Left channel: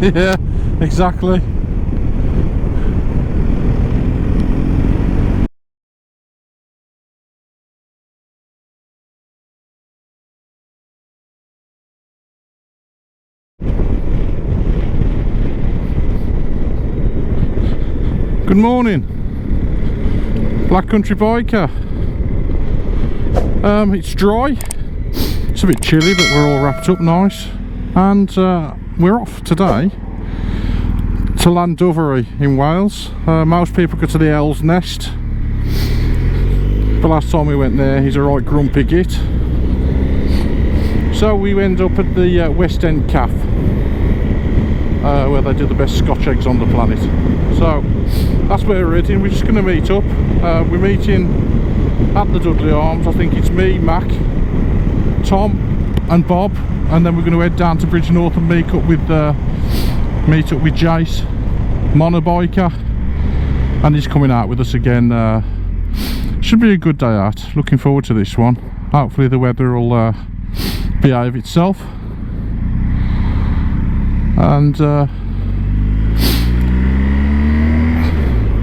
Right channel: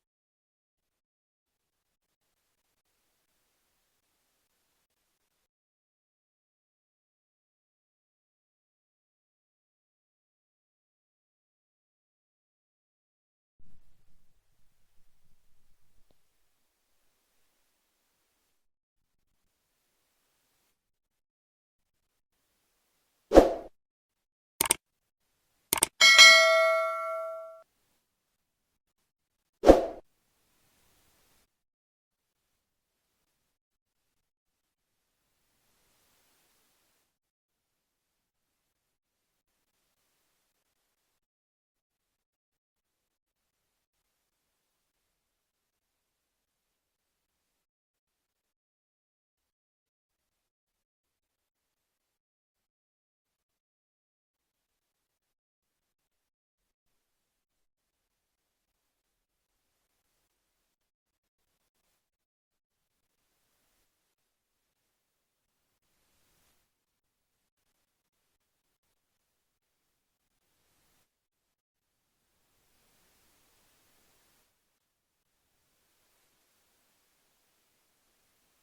Yeah, exactly. Good morning, Black Country Biker. It's dry, it's a bit chilly, but we're all wrapped up nice, and we're off today to Llandovery in Wales. Most people go to the Owl's Nest, but last time we went there he's a right grumpy git, so we end up at the West End Cafe, where they do the best Scotch eggs on the planet. So that's where we're heading. We're just going to meet up. We're meeting at the Dudley Arms. I think it's me, Mac, Tom and Bob, and then we're going to head down to Bridgenorth and meet up with Jace, Monner Biker, and he's coming out with us again. Should be a good day out. Looking forward to this one. Hopefully the weather will behave itself, and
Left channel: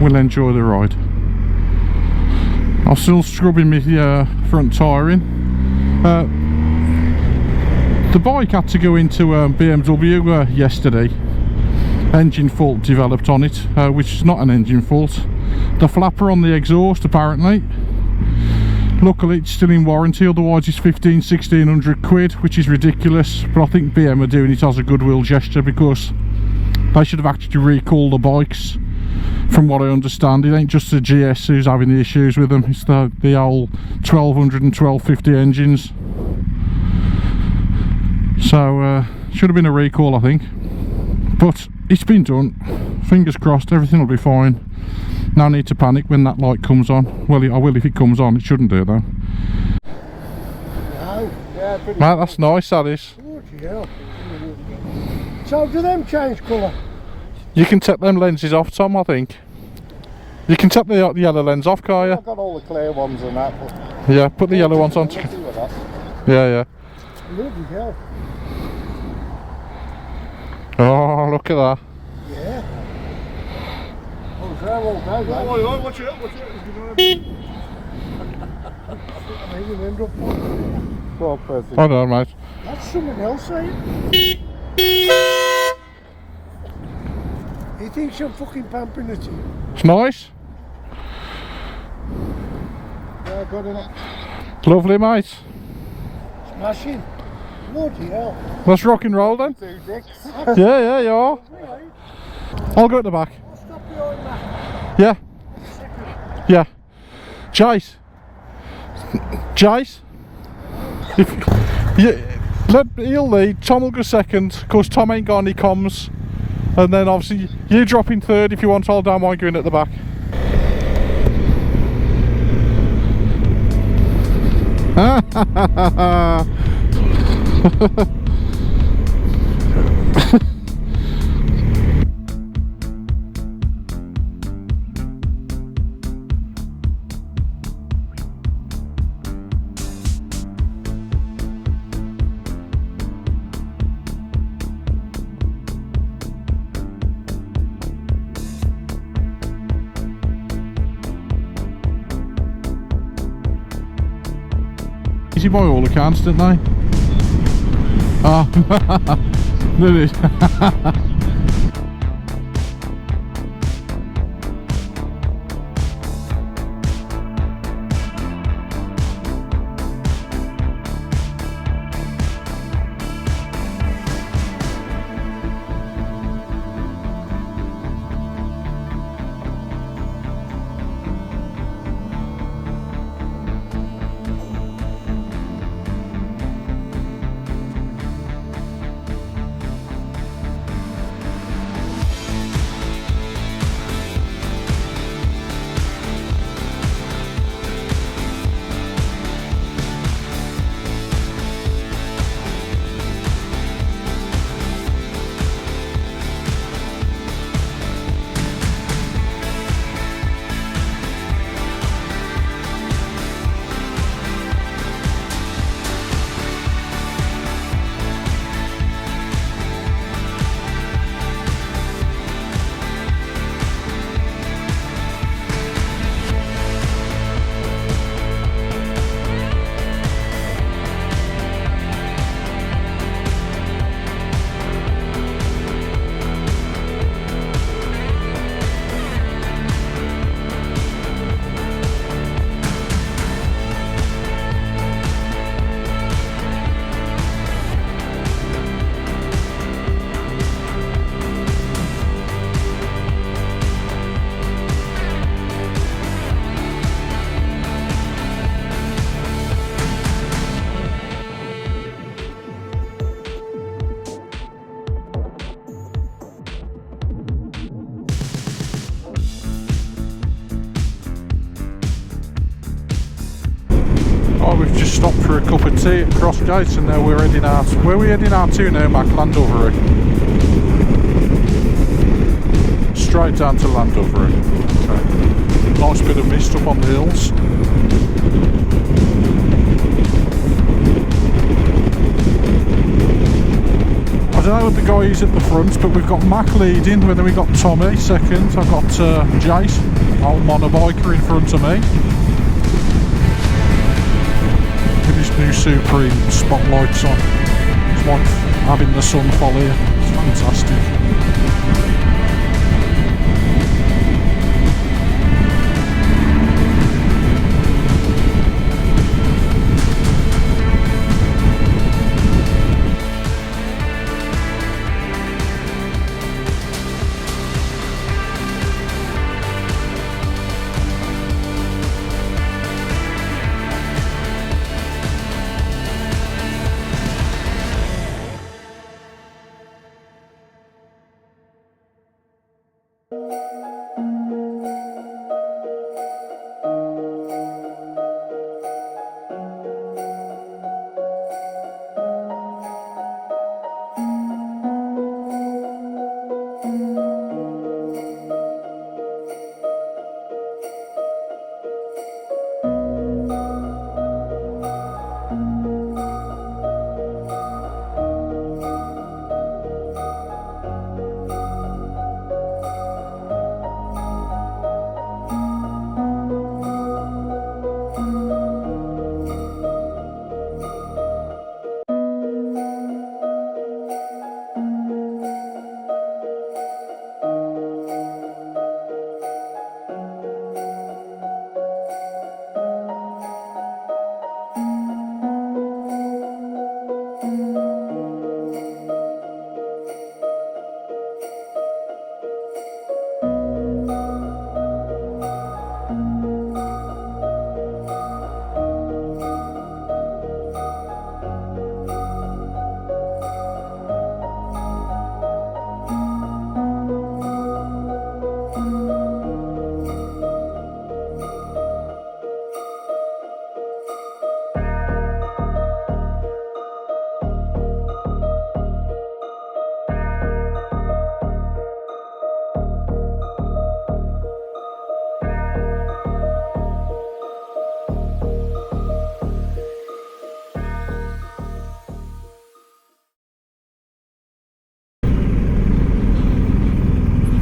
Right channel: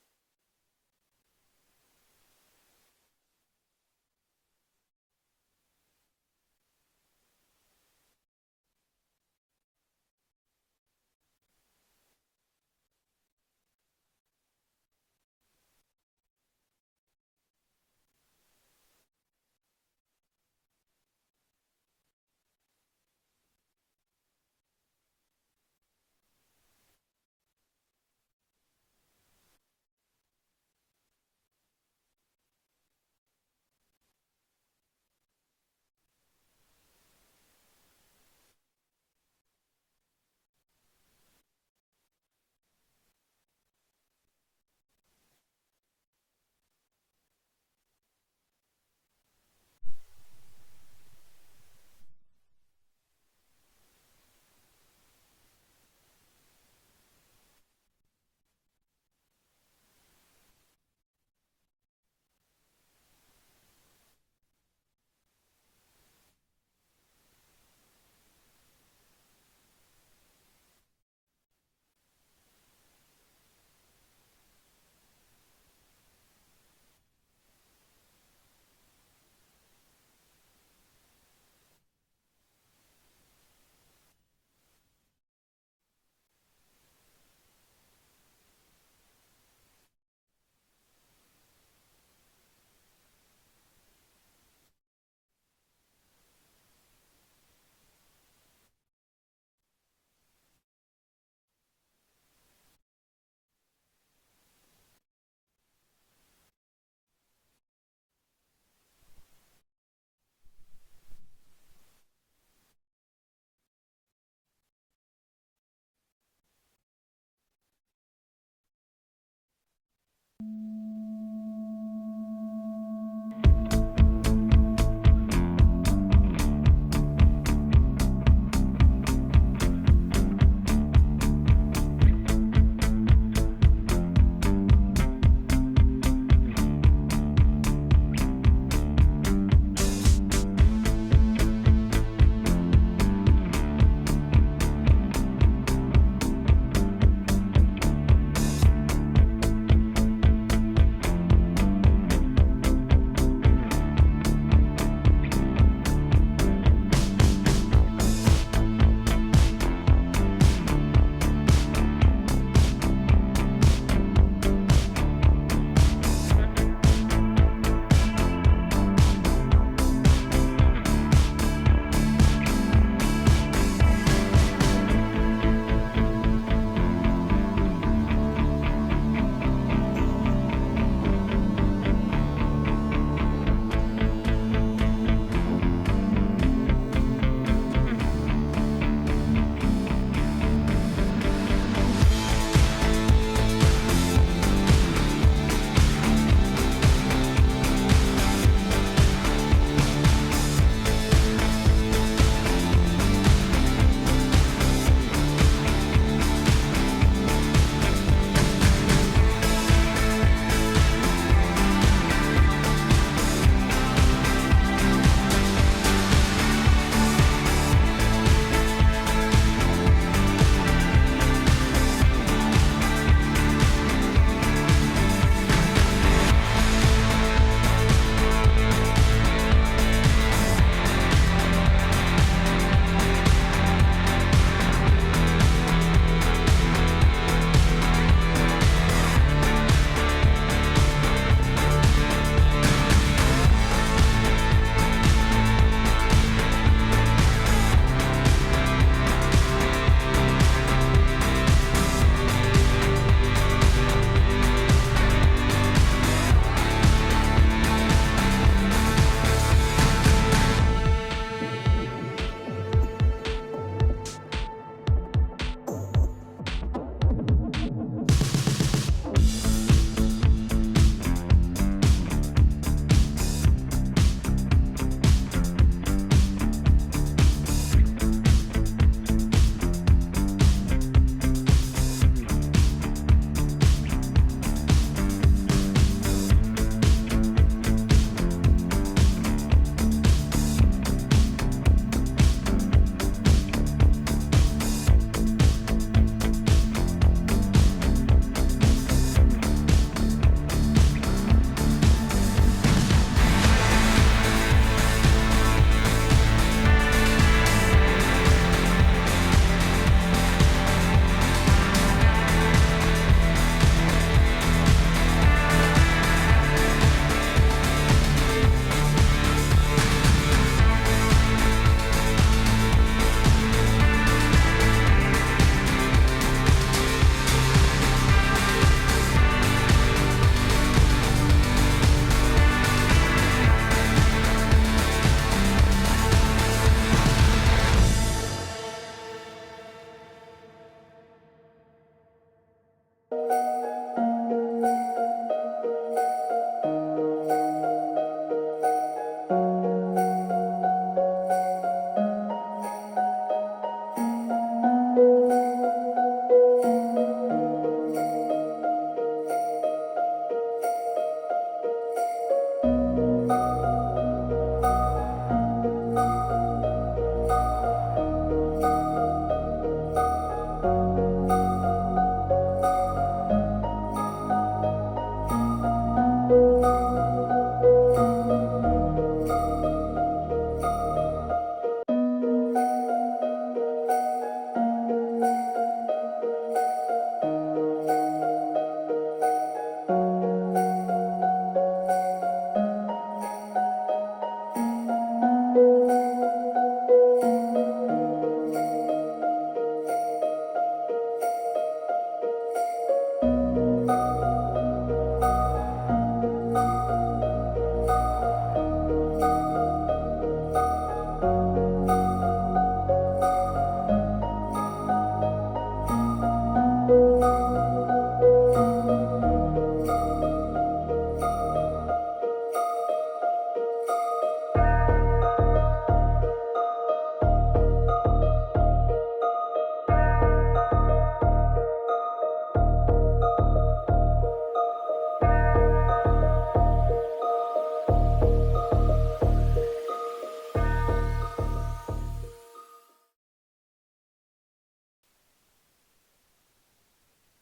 we'll enjoy the ride. I'm still scrubbing my front tyring. The bike had to go into BMW yesterday. Engine fault developed on it, which is not an engine fault. The flapper on the exhaust apparently. Luckily it's still in warranty, otherwise it's 1600 quid, which is ridiculous. But I think BM are doing it as a goodwill gesture, because they should have actually recalled the bikes. From what I understand, it ain't just the GS who's having the issues with them, it's the old 1200 and 1250 engines. So should have been a recall, I think, but it's been done. Fingers crossed, everything will be fine. No need to panic when that light comes on. Well, I will if it comes on. It shouldn't do it though. No, yeah, Mate, that's nice, that is. Yeah. So do them change colour? You can take them lenses off, Tom, I think. You can take the yellow lens off, can't you? I've got all the clear ones and that. But yeah, put the yellow ones on. Yeah. Bloody hell. Oh, look at that. Yeah. Oh, they're all bad. Oh, watch it, watch it. Poor person. Hold on, mate. That's someone else saying. He thinks I'm fucking pampering it. It's nice. Yeah, I got it. Lovely, mate. Smashing. Bloody hell. Let's rock and roll then. 2 dicks. Yeah, you are. I'll go at the back. I'll stop behind that. Yeah. Yeah. Jace. He'll lead. Tom will go second, because Tom ain't got any comms. And then obviously you drop in third if you want. I'll down mine going at the back. Easy by all accounts, didn't they? Oh, really? we've just stopped for a cup of tea at Crossgates, and now we're heading out. Where are we heading out to now, Mac? Llandovery. Straight down to Llandovery. Okay. Nice bit of mist up on the hills. I don't know what the guy is at the front, but we've got Mac leading, and then we've got Tommy second. I've got Jace, old Monner Biker, in front of me. With his new Supreme spotlights on. It's like having the sun follow. It's fantastic.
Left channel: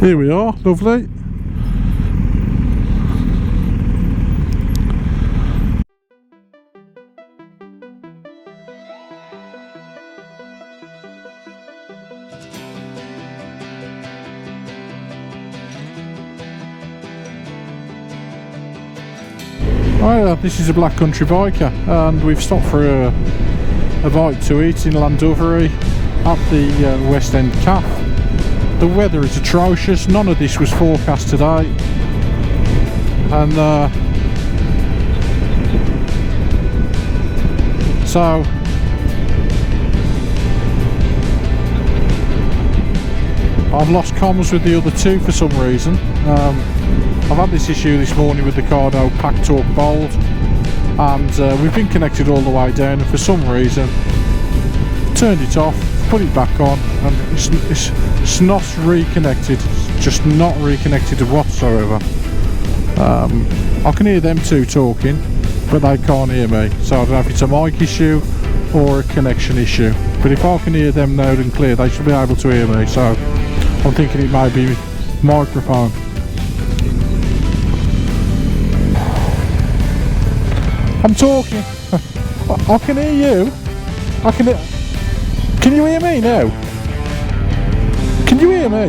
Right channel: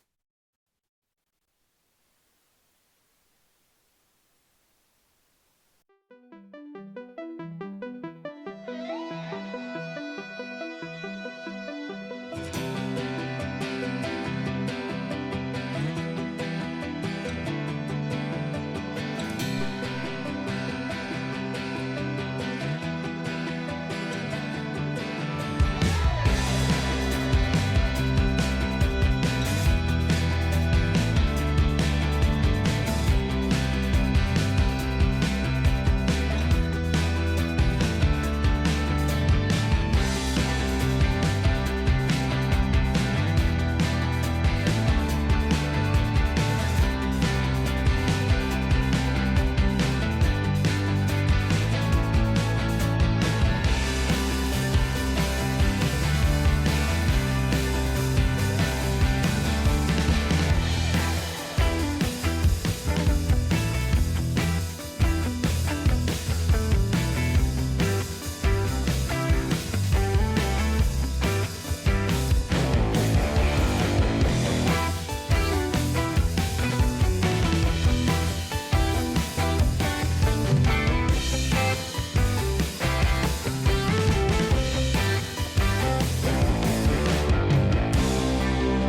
Here we are, lovely. Oh yeah, this is a Black Country Biker, and we've stopped for a bite to eat in Llandovery at the West End Cafe. The weather is atrocious, none of this was forecast today, and so I've lost comms with the other two for some reason. I've had this issue this morning with the Cardo packed up bold, and we've been connected all the way down, and for some reason turned it off, put it back on, and it's not reconnected, just not reconnected whatsoever. I can hear them two talking, but they can't hear me, so I don't know if it's a mic issue or a connection issue, but if I can hear them loud and clear, they should be able to hear me, so I'm thinking it may be microphone. I'm talking. I can hear you. I can hear. Can you hear me now? Can you hear me?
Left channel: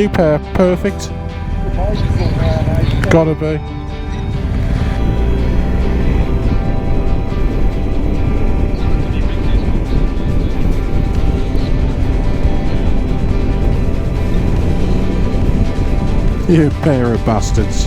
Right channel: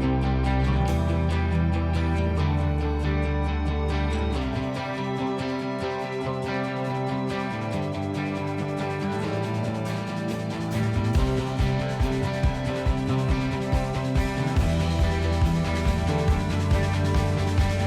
You pair, perfect. Gotta be. You pair of bastards.